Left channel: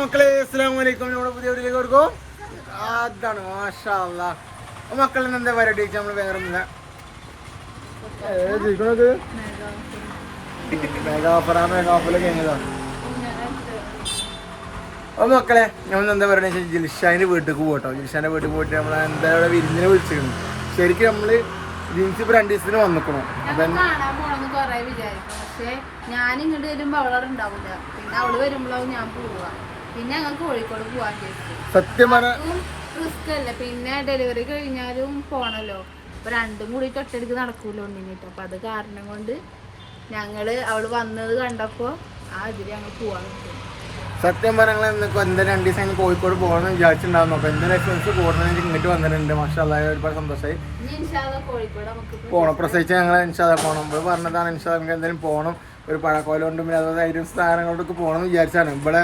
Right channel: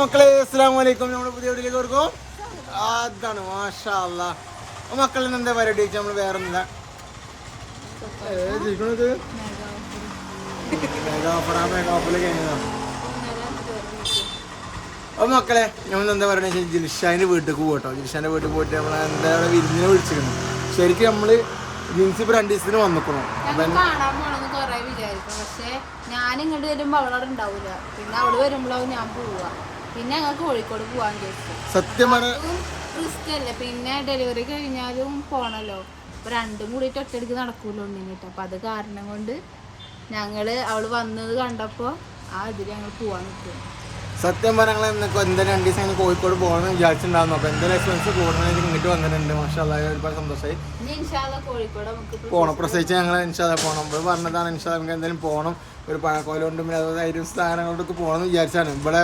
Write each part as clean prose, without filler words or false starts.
മക്കളെ അസ്സലാമു അലൈക്കും. നമ്മുടെ പുതിയ വീട്ടിലേക്ക് കൊടുക്കും. അതാണ് മാഷാ അല്ലാഹ്. മക്കളിൽ എന്താ പരിപാടി വെച്ചാൽ നമ്മൾ വേറെ ഒന്നുമില്ല. മെഗാ ഓഫറിൽ കഴിഞ്ഞതോ. അപ്പോൾ മക്കളെ നമ്മൾ എന്താ പറയുക വെച്ചാൽ ജിൽഷാൻ്റെ വീട്ടിലേക്ക് പോകട്ടോ. ജിൽഷാൻ്റെ വീട്ടിൽ പോയിട്ട് നമ്മൾ എന്താ അവിടെ വിരുന്നിനെ വിളിച്ചിരുന്നു. ശരിക്കും നമ്മൾ ജീൻസ് ഇപ്പോൾ 2 ദിവസത്തിന് വന്നിക്കണം. കാണാൻ പോണെന്ന് കൊറേ വിചാരിക്കും. പക്ഷെ ഞാൻ ഇങ്ങോട്ട് വരുമ്പോ അവളവിടെ ഉണ്ടാവില്ല. പിന്നെ അവള് വരുമ്പോഴാവും ഞാൻ പോവുക. പിന്നെ ഞങ്ങൾക്ക് കോഴിക്കോട് പോവാൻ ചോദിച്ചു. സത്യം പറഞ്ഞ റിസ്ക് അല്ലേ. പിന്നെ ഡെലിവറി കഴിഞ്ഞാലും പോണല്ലോ. അപ്പൊ രണ്ടും കൂടി ഒറ്റയടിക്ക് നടക്കൂല്ലോ ഉണ്ണിട്ട്. അപ്പൊ അത് കാരണം കൊണ്ട് ഞങ്ങള് അവള് വന്നത് കണ്ടപ്പോ ആ ഇതിൽ ഞങ്ങൾ പോവാൻ നിൽക്കും. സത്യം പറഞ്ഞാൽ എന്തായാലും 2 ദിവസം കഴിഞ്ഞ് കോഴിക്കോട് പോകണമെന്ന് വിചാരിച്ചിട്ടുണ്ടായിരുന്നു. അപ്പോൾ എന്തായാലും എക്സ്പെൻസ് കൂടണമെങ്കിൽ ഇങ്ങോട്ട് വന്നിട്ടുണ്ട്. മാഷാ അല്ലാഹ് ഒരുപാട് സന്തോഷമായി. പോകണം പ്രസവിച്ച് ഞങ്ങൾ ഇൻഷാല്ലാ പോകണം. ഇവിടെ പറഞ്ഞതാണ് ഇൻഷാല്ലാ നമുക്ക് എന്തായാലും പോകണം. ഒരു പഴക്കോലുകൊണ്ടും പിന്നെ അതുപോലെ ഐറ്റം സ്ഥാനങ്ങളിലൊക്കെ പോകണമെന്ന് വിചാരിച്ചാണ്. ഇവിടെ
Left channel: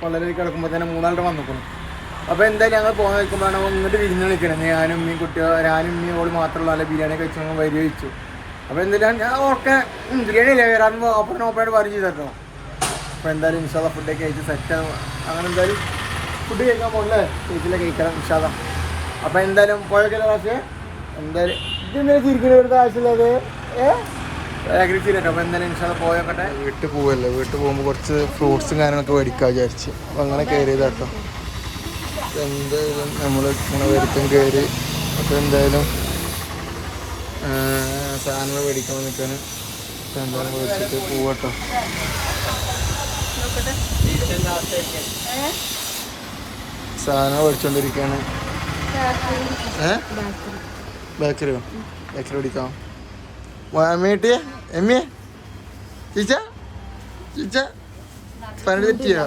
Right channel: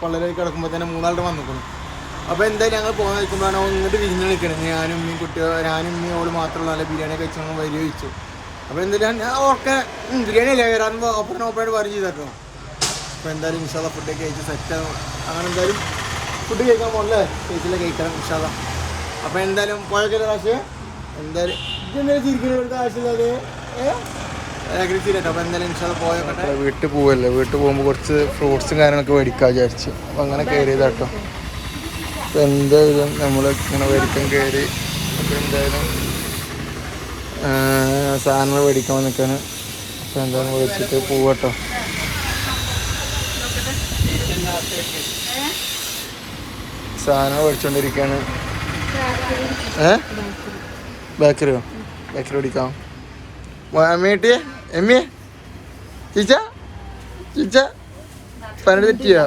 പള്ളലേക്ക് കിടക്കുമ്പോൾ തന്നെ 3 ആളുടെ വന്നിക്കണം. അപ്പോൾ എന്തായാലും ഞങ്ങൾ പോകുന്ന നിൽക്കുമ്പോഴാണ് ഇങ്ങോട്ട് വിരിഞ്ഞ് നിൽക്കണം. ഞാനും ഉമ്മയും കുട്ടികൾ ഞാനും ഉമ്മയും ഓള് മാത്രമുള്ള നല്ല ബിരിയാണി കഴിച്ച് ഞങ്ങൾ വരി വെച്ചു. അപ്പോൾ എന്തായാലും ഞാൻ ഓക്കെ ബിരിയാണി അല്ലേ വരാറുമ്പോൾ ഓപ്പണായിട്ട് പറയും ചെയ്തോ. അപ്പോൾ എന്തായാലും ഇൻഷാല്ലാ ഫുഡൊക്കെ കഴിച്ച് സെറ്റാണ്. അങ്ങനെ എന്തായാലും ഫുഡ് കഴിക്കാൻ പോകണല്ലേ. ചേച്ചിയിലെ കഴിക്കണം ഇൻഷാല്ലാ. അപ്പോൾ എന്തായാലും പോയൊക്കെ പക്ഷേ എന്തായാലും ഇതെന്തായാലും ചിരിക്കുന്ന ഇവിടുത്തെ ആവശ്യമില്ലാതെ ആഗ്രഹിച്ചിട്ടോ. അപ്പോൾ എന്തായാലും ഇൻഷാല്ലാ പോയോക്കട്ടെ. വീട്ടിൽ പോവല്ലേ. വീട്ടിൽ പോകുമ്പോൾ കുറച്ച് ഫ്രൂട്ട്സും കാര്യങ്ങളൊക്കെ മേടിക്കാൻ വിചാരിച്ചു. അപ്പോൾ അങ്ങനെ കയറിയതാട്ടോ. അപ്പോൾ എന്തായാലും നമ്മൾ ഇങ്ങനെ മേടിക്കാൻ കയറി. അപ്പോൾ എന്തായാലും സാധനങ്ങൾ മേടിക്കാൻ വന്നിക്കാണ്. അപ്പോൾ എന്തായാലും മേടിച്ചിട്ട് പോവട്ടോ. സാധനം മേടിച്ചോണ്ടിരിക്കാണ്. ബേക്കറിയോ? ബേക്കറി മേടിക്കാം. അമ്മേട്ടിയെ എമ്മിയെ ചീച്ച ചീച്ച പണി തെറ്റിയോ?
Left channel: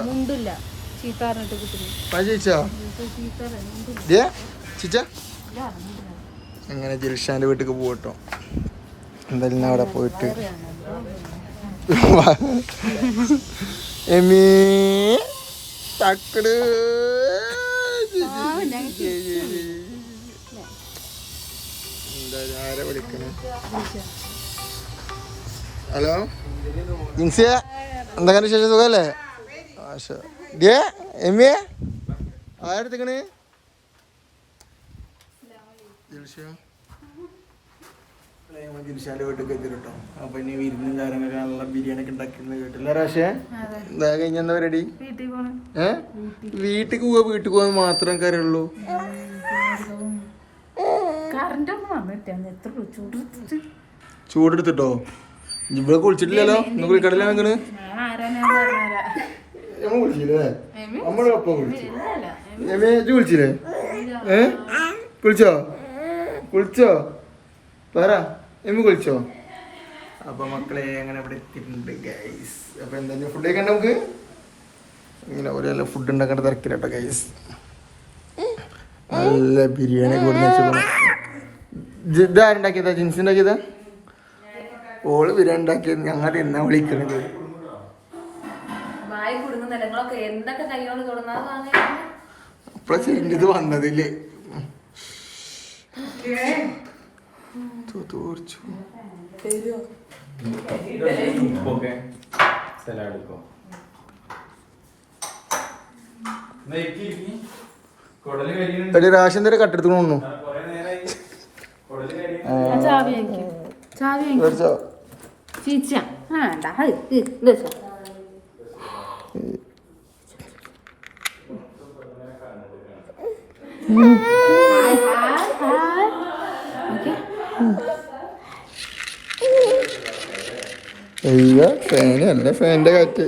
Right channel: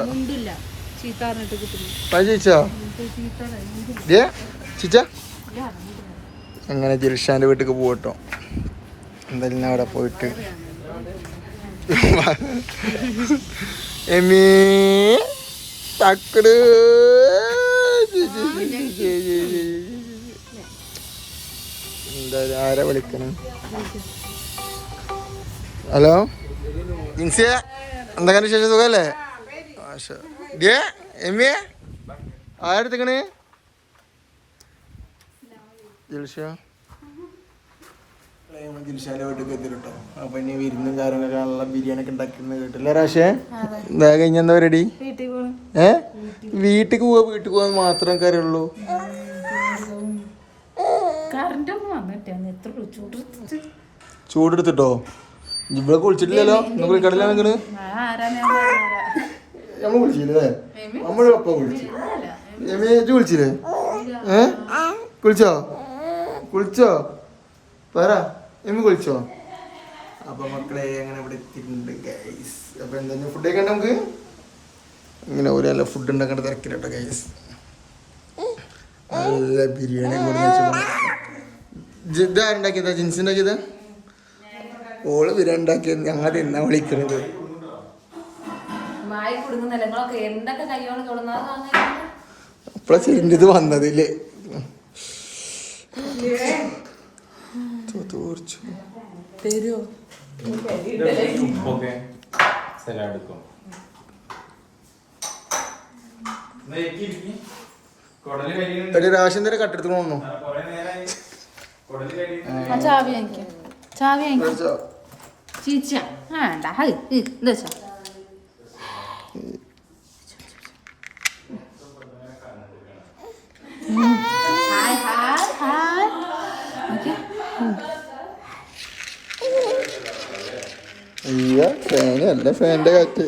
പണി ചീച്ചോ? ചീച്ച അങ്ങനെ ജിൽഷാൻ്റെ വീട്ടിലേക്ക് പോകട്ടോ. എന്തായാലും അവിടെ പോയിട്ട് എമ്മീ തക്കട് എന്തായാലും ആരാ വിളിക്കണം? ഹലോ ഇൻസിയ, എന്തൊക്കെ വിശേഷം? സുഖമല്ലേ? ഡേ എമ്മിയെ ആരെടുത്തേക്കണ്? ജിൽഷ ജിൽഷാൻ്റെ വീട്ടിലേക്ക് എത്തിട്ടോ. അപ്പൊ ഇനി വിരുന്നും കാര്യങ്ങളൊക്കെ നല്ല ബിരിയാണി ഒക്കെ ഉണ്ടാക്കുന്ന വീട്ടിലെ പക്ഷേ കഴിഞ്ഞെന്താ റെഡി? വീട്ടിൽ പോവാ. വീട്ടിൽ പോകാൻ മാത്രം കാര്യമുള്ളൂ. ചൂടെടുത്തിട്ടോ? ഇവിടെ കുളിച്ചിട്ടില്ലല്ലോ. ഇന്ന് കുളിക്കടല വെക്കണ്. നമ്മൾ കുളിച്ചില്ലേ? നമ്മൾ ഒപ്പം കുളിച്ചു. എമ്മേജ് കുളിച്ചില്ലേ? കുളിച്ചോ? കുളിച്ചോ? പറ എമ്മ കുളിച്ചോ? അപ്പൊ മക്കളെ അങ്ങനെ ഇവിടെ എത്തിയിട്ടുണ്ട് ഗൈസ്. അപ്പൊ എന്താ ഫുഡ് കഴിക്കണ്ട നമുക്ക്? ഇങ്ങനെ ഓരോ ഫുഡ് ഉണ്ടാക്കേണ്ട തിരക്കില്ലട്ടോ ഗൈസ്. നല്ല ബിരിയാണി കൂടി വെച്ചോളൂ. ഇതാരുണ്ടാക്കിയതാ? ജിൻസ് ഉണ്ടാക്കിയതാ? ഓള് ബിരിയാണി ഉണ്ടാക്കിയത്. ഞങ്ങൾ എന്നാ വിളിക്കണത്? അപ്പഴ ചെറിയത് വന്നതില്ലേ? തോർച്ചു ഒരു റാഷൻ തരം കട്ടെടുത്തു തോന്നുന്നു. അയ്യോ ഫാനല്ല, ഫാനിന്റെ കാറ്റ്.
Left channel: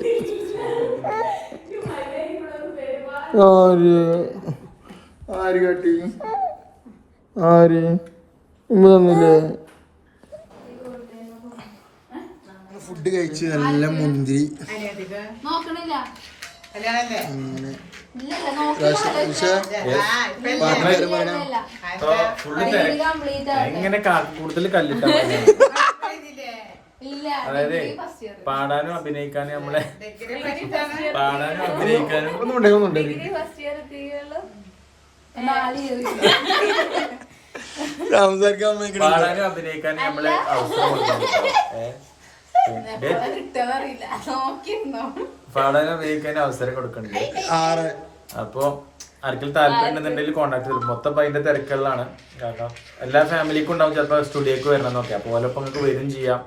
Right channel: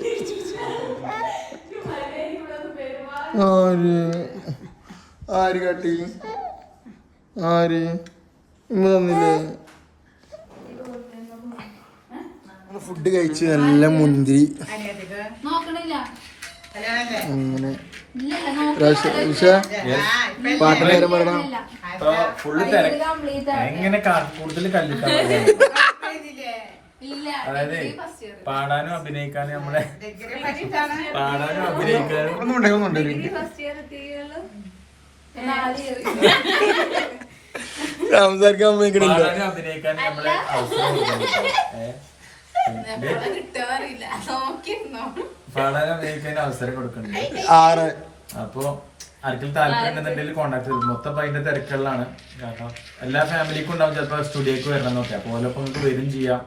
ആര് കാട്ടി? ആര് തന്നില്ലേ? ഫുഡ് കഴിച്ച് നല്ല മുന്തിരി അങ്ങനെ എങ്ങനെ കൂടുതൽ കല്ലിട്ടാ അതായത് പാടാനും അഭിനയിക്കാനും നമ്മളെ പാടാനും അഭിനയിക്കാനും ഒന്നുമുണ്ടേ പാടാനും അഭിനയിക്കാനും നമ്മളെ അവസരം കൊടുക്കാൻ പാടാൻ അഭിനയിക്കാൻ അവസരം കൊടുക്കുന്നുണ്ട്. 6 അപ്പൊ ആർക്കും താല്പര്യം ഉണ്ടെന്നുണ്ടെങ്കിൽ കോണ്ടാക്ട് ചെയ്യും. മൊത്തം അതിന്റെ തിരക്കുകളിലാണ്. കാരണം എല്ലാ ഫാമിലിക്കും ഉണ്ടാവും ചിലപ്പോൾ സ്റ്റുഡിയോക്ക് വരണം എന്നൊക്കെ. അപ്പോൾ ഓലപ്പം നിങ്ങൾക്ക് വരും ചെയ്യാം.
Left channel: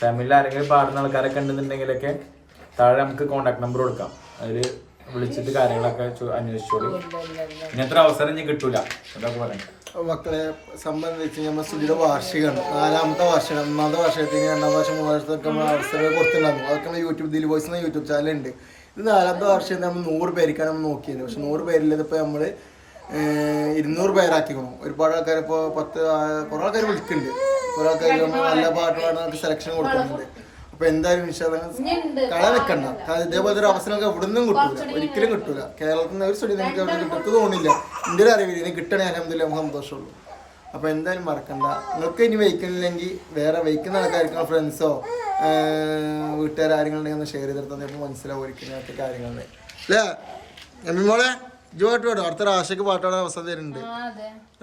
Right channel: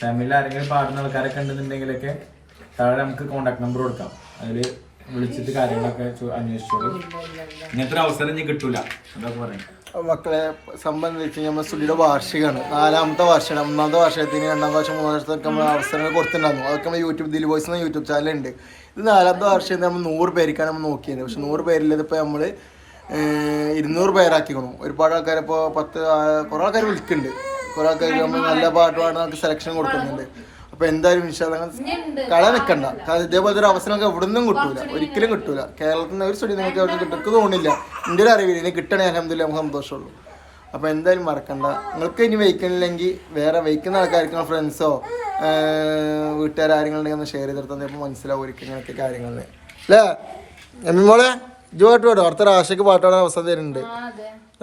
ഫാമിലിയിൽ ആരെങ്കിലും പാടുന്ന ആൾക്കാരൊക്കെ ഉണ്ടെന്നുണ്ടെങ്കിലൊക്കെ താഴെ നമുക്ക് കോണ്ടാക്ട് നമ്പർ കൊടുക്കാം. അതിൽ വിളിച്ചിട്ട് കാര്യങ്ങളൊക്കെ അന്വേഷിച്ചോളൂ. ഇങ്ങനത്തെ അവസരം ഇനി കിട്ടൂല എന്നൊക്കെ പറയാം. മക്കളെ സംബന്ധിച്ച് നമ്മൾ സ്റ്റുഡിയോയുടെ വാർഷികമാണ്. 4ാമത്തെ വാർഷികമാണ്. 3ാമത്തെ വർഷത്തിന് 2ാമത്തെ വർഷം 3ാം വർഷത്തൊക്കെ നമ്മൾ അവസരങ്ങൾ കൊടുത്തിട്ടുണ്ടായിരുന്നു. അതൊക്കെ നമ്മൾ യൂട്യൂബ് ദിലി വോയിസ് എന്ന യൂട്യൂബ് ചാനലുണ്ട്. ഇത് 4ാമത്തെ വർഷത്തിൽ നമ്മൾ 100 പേർക്കാണ് നമ്മൾ നോക്കിയത്. പക്ഷെ 100 പേരിൽ ഇപ്പോൾ നമ്മൾ 200 പേരാക്കിക്കണം. ഒരുപാട് ആൾക്കാർ ഇപ്പോൾ 10 കുറേ ആൾക്കാർ വിളിക്കുന്നുണ്ട്. കുറേ ആൾക്കാർ നമ്മൾ നല്ല പാട്ട് പാടാൻ നമുക്ക് സെലക്ഷൻ കൊടുക്കുന്നുണ്ട്. അപ്പോൾ എന്തായാലും കള നിൽക്കണ്ട. കാരണം ഇതേപോലത്തെ ഒരു അവസരം നമുക്ക് എവിടെ നിന്നും കിട്ടൂല, ഒരിക്കലും കിട്ടൂല. കേരളത്തിൽ നിന്ന് ഒരു സ്റ്റുഡിയോ നിങ്ങൾക്ക് എവിടെ കിട്ടും തോന്നില്ല. എൻ്റെ ഒരു അറിവില്ല. ഇനി കിട്ടണേ അൽഹംദുലില്ലാ നമുക്ക് സന്തോഷമുള്ളൂ. അപ്പോൾ എന്തായാലും മറക്കണ്ട. നിങ്ങൾക്ക് ഇനി വയ്ക്കണില്ലെങ്കിൽ വേറെ വയ്ക്കുന്ന ആൾക്കാർക്ക് ഫ്രണ്ട്സോ വീട്ടുകാരെങ്കിലും ഒന്ന് ഷെയർ ചെയ്തെടുത്ത് തന്നപ്പോൾ മനസ്സിലാവും ഒരിക്കലും ഇങ്ങനത്തെ കാര്യങ്ങളിൽ അല്ലേ. എമ്മി മോളെ ഇജ് പാട്ട് പാടും. അടുത്ത റാഷയ്ക്ക് പാട്ട് പാടാൻ അവസരം തരുന്നുണ്ട്.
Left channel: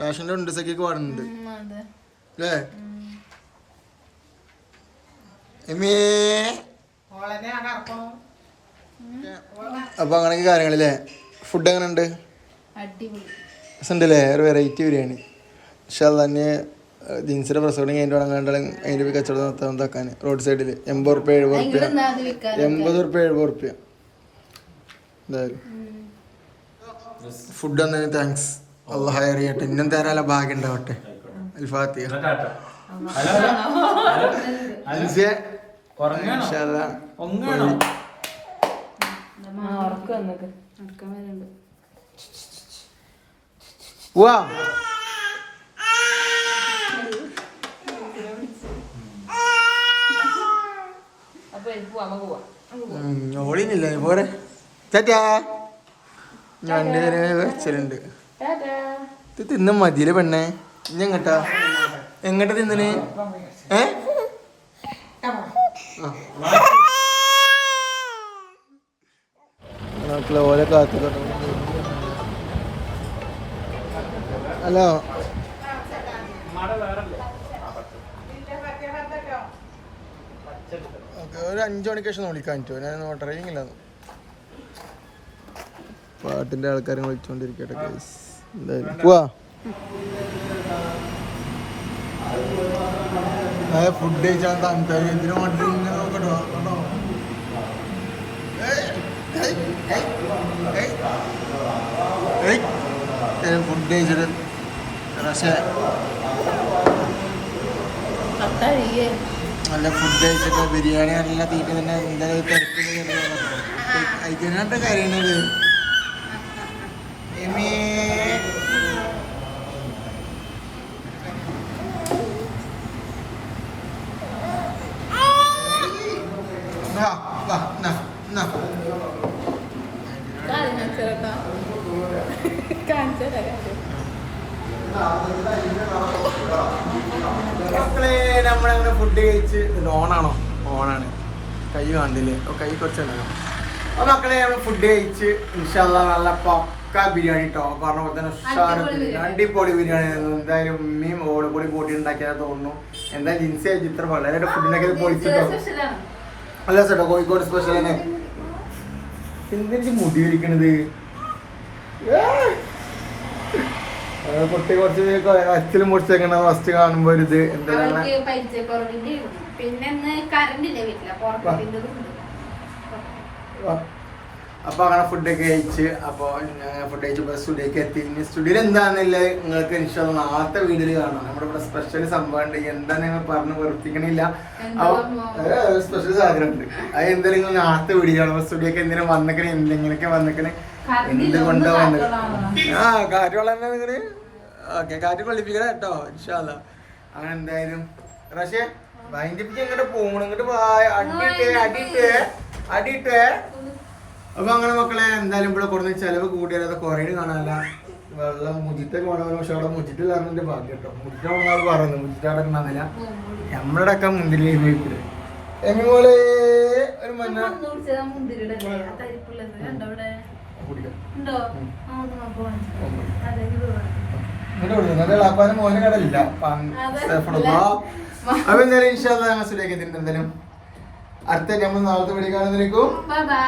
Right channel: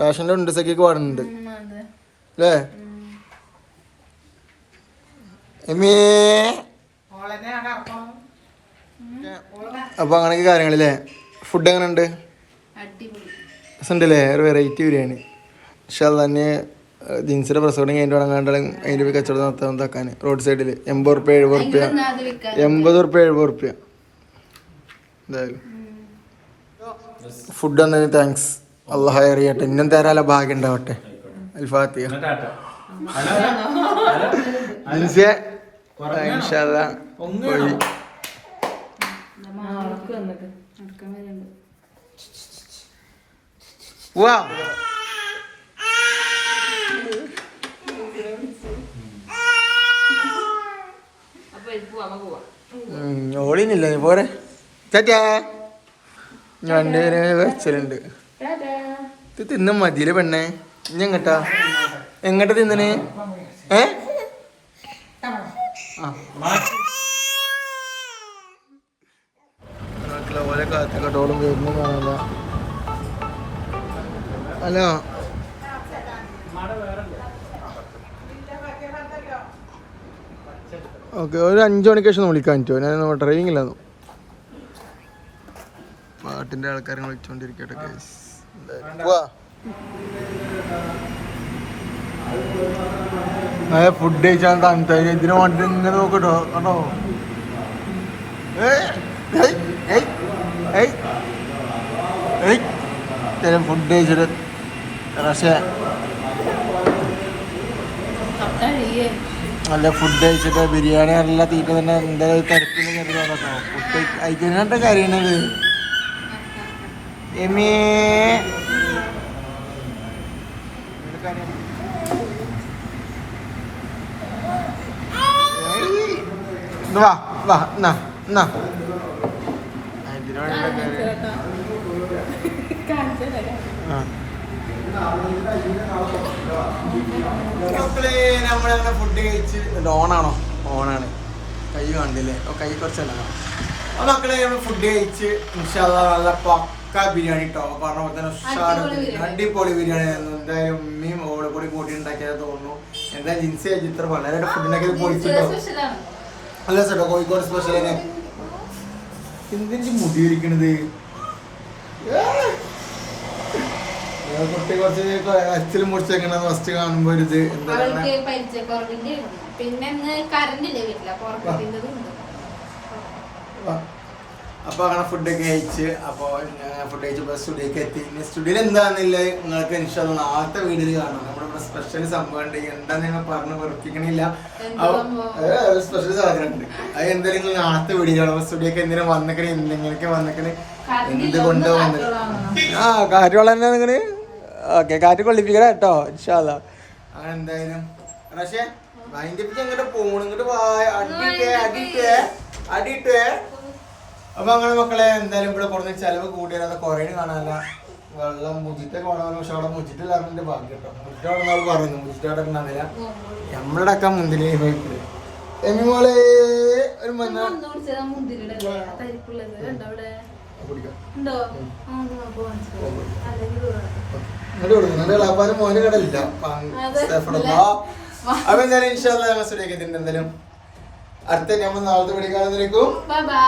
റാഷൻ്റെ ഉണ്ട് സഖിക്ക് പാടുന്നുണ്ട് അല്ലേ. അപ്പൊ അങ്ങനെയൊക്കെ കാര്യങ്ങളില്ലേ. ഫുഡ് എങ്ങനെ ഉണ്ട്? രസമുണ്ടല്ലേ? ഒരു വെറൈറ്റി ബിരിയാണി. പക്ഷെ അത് തന്നെ ജീൻസിന്റെ പ്രസവം കഴിഞ്ഞിട്ട് വേണം അതിന്റെ കച്ചവടം നടത്താൻ റോഡ് സൈഡിൽ 80 റുപ്യ 70 റുപ്യ 80 റുപ്യ 70 റുപ്യ. എന്തായാലും ഫുഡ് വന്നതിന് താങ്ക്സ്. അള്ളാഹ് അറിയട്ടെ. ഇന്നും തരാല ഭാഗ്യം ഉണ്ടാവട്ടെ. അൽഫാത്തിഹ. ഓളിനില്ല പോരെ. ചാറ്റാ ഞാൻ വെച്ചലുണ്ട്. ഇത് തിന്ന മതിയില് പെണ്ണെ. ഇനി എങ്ങട്ടാ എങ്ങട്ടാ തിന്നന്? ഓരോ കാത്തിക്കട്ടോളം വരുന്നു കാണാനില്ല. Hello okay. ഒരു 5 മണിക്ക് ശേഷം വിളിക്കാൻ പറ്റുമോ? ഞാൻ ട്രെയിനിങ്ങില്ലാന്നു. പാട്ടിൻ്റെ ആൾക്കാരെ വിളിച്ചുകൊണ്ടിരിക്കട്ടെ. കേസ് പോവാ. ഫുഡ് കഴിച്ചാൽ താല്പര്യം ഇതിന് വേണ്ടി ഇങ്ങനെ നോക്കട്ടോ കേട്ടോ. ഫുഡ് കഴിച്ചിട്ട് പക്ഷേ നല്ല ഫുഡ് കഴിച്ചിട്ട് ബിരിയാണി നല്ല തീറ്റ തന്നെ എന്തായാലും തിരക്കിട്ട് കാര്യണത്. എമേ വാ വാ എന്നാ എന്നാ മക്കളെ നമ്മളങ്ങനെ ഫുഡ് കഴിച്ച് ഓണാണോ? ഓണാണ്. കൈ കണ്ടില്ലേ? കൈ കുറച്ചല്ലോ. അപ്പോൾ മക്കളെ നമ്മൾ ഫുഡ് കഴിച്ച് ഇൻഷാ അല്ലാഹ് നല്ല പക്ക ബിരിയാണി കേട്ടോ. പറഞ്ഞ പോലെ തന്നെ ഉഷാറ് ബിരിയാണി, അടിപൊളി ബിരിയാണി ആയിരുന്നു. എന്തായാലും ഉമ്മയും ഓളെ കൂടി കൂട്ടി ഉണ്ടാക്കിയത് തോന്നുന്നു. എന്തായാലും ജിൻസി ചിത്രം വളരെ ഫുഡ് ഉണ്ടാക്കിയത് പൊളിച്ചിട്ടോ. അല്ല ചേട്ടാ കോഴിക്കോട് സ്പെഷ്യൽ തന്നെ. എന്തിനു മുടി വലിക്കണത്? കുട്ടി കുറച്ച് അച്ഛലും മുറിച്ചേക്കണ ഫസ്റ്റ് കാണുമ്പോ ഒരു ഇത് എന്താ അപ്പൊ അങ്ങനെ ഫുഡൊക്കെ കഴിച്ച് അപ്പൊ ഫുഡ് കഴിച്ചപ്പോ സ്റ്റുഡിയോക്ക് എത്തി. ഇനി സ്റ്റുഡിയോയിൽ എന്താണെന്നില്ല നിങ്ങൾക്ക് ഇൻഷാ അല്ലാഹ് നാളത്തെ വീഡിയോയിൽ കാണാം. നമ്മുടെ ഇവിടെ സ്പെഷ്യൽ സംഭവം ഉണ്ട്. എന്താ നിങ്ങൾ പറഞ്ഞ് വെറുപ്പിക്കണില്ല. അപ്പൊ സ്പെഷ്യൽ സാധനം ഉണ്ട്. അത് എന്തായാലും നിങ്ങൾ നാളത്തെ വീഡിയോ കാണാം. സ്റ്റുഡിയോക്ക് എന്തിനാ വന്നേക്കണേ, എന്തെങ്ങനെയൊക്കെ വന്നേക്കണേ, എന്തുകൊണ്ടോ വന്നത്. കാറ്റ് വളരെ അങ്ങനെ ഓക്കെ. കാറ്റ് കൊള്ളിപ്പിക്കല കേട്ടോ ഇൻഷാ അല്ലാഹ്. അങ്ങനെ എന്തായാലും പക്ഷേ ഭയങ്കര ഇങ്ങോട്ട് പോകണം. ഇങ്ങോട്ട് അടിയിട്ടേ. അപ്പൊ അങ്ങനെ മക്കളെ എന്തായാലും ഇവിടെ കുറഞ്ഞ ചെലവ് കൂടിയാൽ കുറേ കാണാനില്ല. വെള്ളം മുജിറ്റൊക്കെ വേണമെങ്കിൽ പക്ഷെ അവിടെ മുജിറ്റില്ലാറിന്റെ ഭാഗ്യം കേട്ടോ. മുജിറ്റാണെന്നാൾ പറഞ്ഞു. മുജിറ്റവിടെ ഉണ്ടാകുന്നില്ല. നമ്മുടെ അടക്കം മുന്തിരി വീട്ടില് എമ്മി പോലെ ഒരു മഞ്ഞ ാനും മോനെ കടലില്ല. അപ്പൊ എന്തായാലും ഇൻഷാ അല്ലാഹ് ഞങ്ങൾ ശരിയാക്കി. എന്തായാലും അടുത്ത നമ്മൾ നാളത്തെ വീഡിയോ കാണുന്നതിലേക്കും ബൈ ബൈ.